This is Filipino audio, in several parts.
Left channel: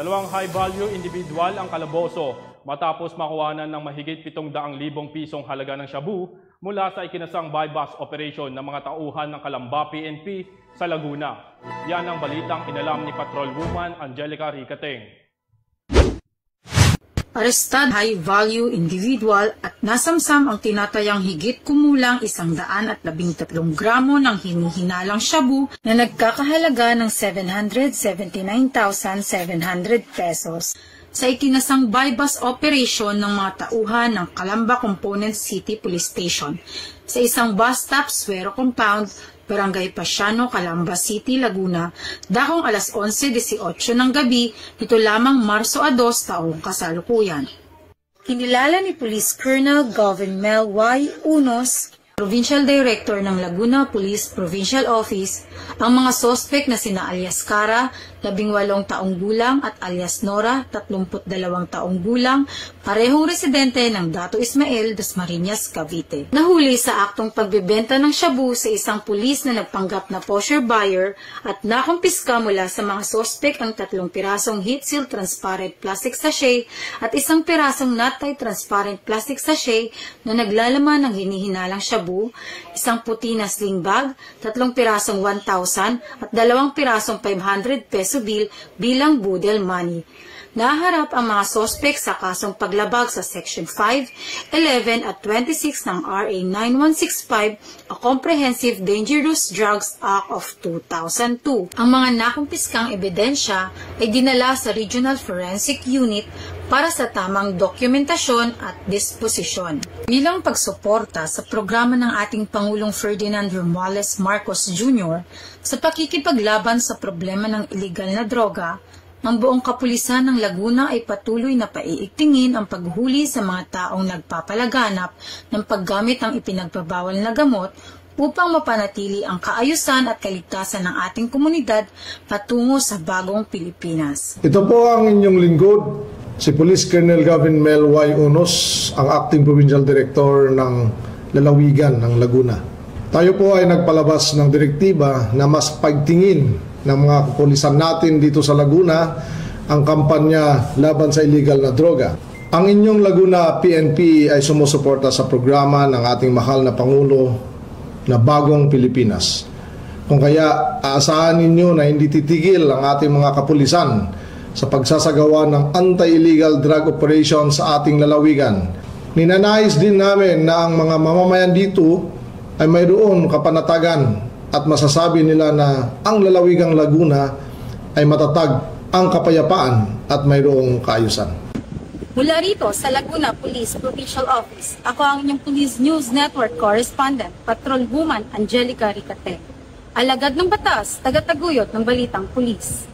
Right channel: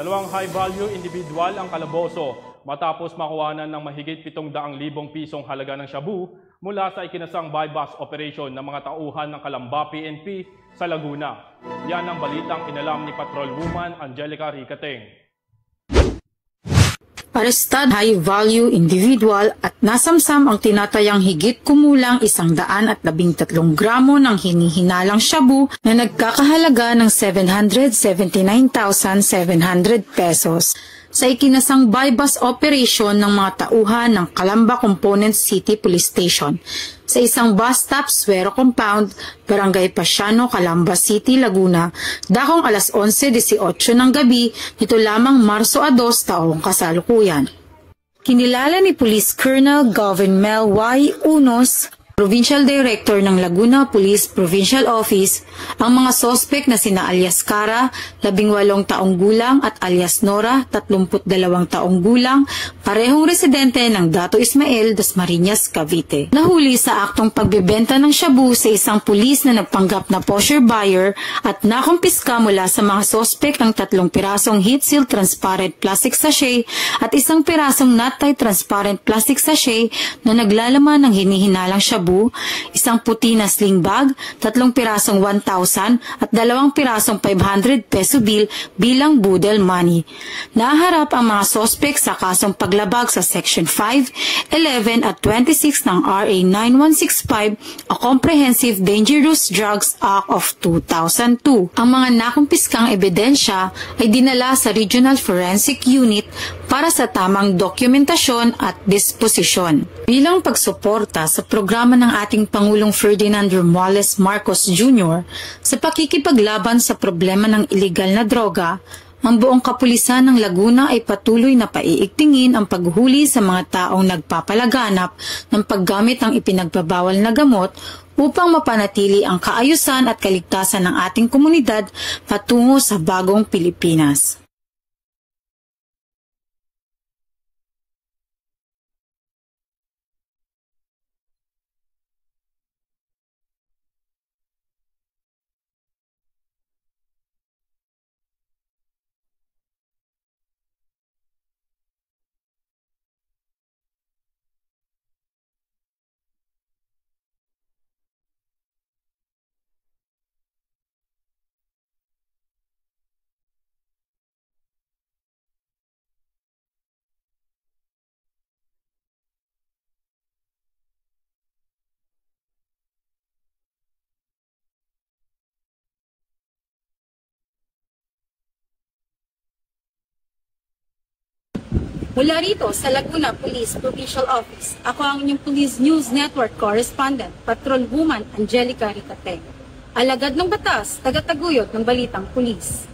Dalawang high-value individual ang kalaboso matapos makuhanan ng mahigit 700,000 pisong halaga ng shabu mula sa ikinasang buy-bust operation ng mga tauhan ng Calamba PNP sa Laguna. Yan ang balitang inalam ni Patrolwoman Angelica Ricateng. Arestad high-value individual at nasamsam ang tinatayang higit kumulang 113 gramo ng hinihinalang shabu na nagkakahalaga ng 779,700 pesos sa ikinasang buy-bust operation ng mga tauhan ng Calamba Component City Police Station sa isang bus stop Suero Compound, Barangay Pasiano, Calamba City, Laguna, dakong alas 11:18 ng gabi nito lamang Marso 2 taong kasalukuyan. Kinilala ni Police Colonel Gavin Mel Y. Unos, Provincial Director ng Laguna Police Provincial Office, ang mga sospek na sina alias Cara, 18 taong gulang at alias Nora, 32 taong gulang, parehong residente ng Dato Ismael, Dasmariñas, Cavite. Nahuli sa aktong pagbebenta ng shabu sa isang pulis na nagpanggap na posher buyer at nakumpiska mula sa mga sospek ang 3 pirasong heat seal transparent plastic sachet at 1 pirasong not tie transparent plastic sachet na naglalaman ng hinihinalang shabu, 1 puti na sling bag, 3 pirasong 1,000 at 2 pirasong 500 peso bill bilang budel money. Naharap ang mga sospek sa kasong paglabag sa Section 5, 11 at 26 ng RA 9165, a Comprehensive Dangerous Drugs Act of 2002. Ang mga nakumpiskang ebidensya ay dinala sa Regional Forensic Unit para sa tamang dokumentasyon at disposisyon. Bilang pagsuporta sa programa ng ating Pangulong Ferdinand Romualdez Marcos Jr. sa pakikipaglaban sa problema ng iligal na droga, ang buong kapulisan ng Laguna ay patuloy na paiigtingin ang paghuli sa mga taong nagpapalaganap ng paggamit ng ipinagbabawal na gamot upang mapanatili ang kaayusan at kaligtasan ng ating komunidad patungo sa bagong Pilipinas. Ito po ang inyong lingkod, si Police Colonel Gavin Mel Y. Unos, ang Acting Provincial Director ng Lalawigan ng Laguna. Tayo po ay nagpalabas ng direktiba na mas pagtingin ng mga kapulisan natin dito sa Laguna ang kampanya laban sa illegal na droga. Ang inyong Laguna PNP ay sumusuporta sa programa ng ating mahal na Pangulo na Bagong Pilipinas. Kung kaya aasahan ninyo na hindi titigil ang ating mga kapulisan sa pagsasagawa ng anti-illegal drug operation sa ating lalawigan. Ninanais din namin na ang mga mamamayan dito ay mayroon kapanatagan at masasabi nila na ang lalawigang Laguna ay matatag ang kapayapaan at mayroong kaayusan. Mula rito sa Laguna Police Provincial Office, ako ang inyong Police News Network Correspondent, Patrolwoman Angelica Ricateng. Alagad ng batas, tagataguyod ng balitang pulis.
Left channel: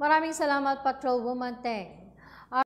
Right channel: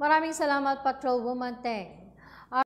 Maraming salamat, Patrolwoman Teng.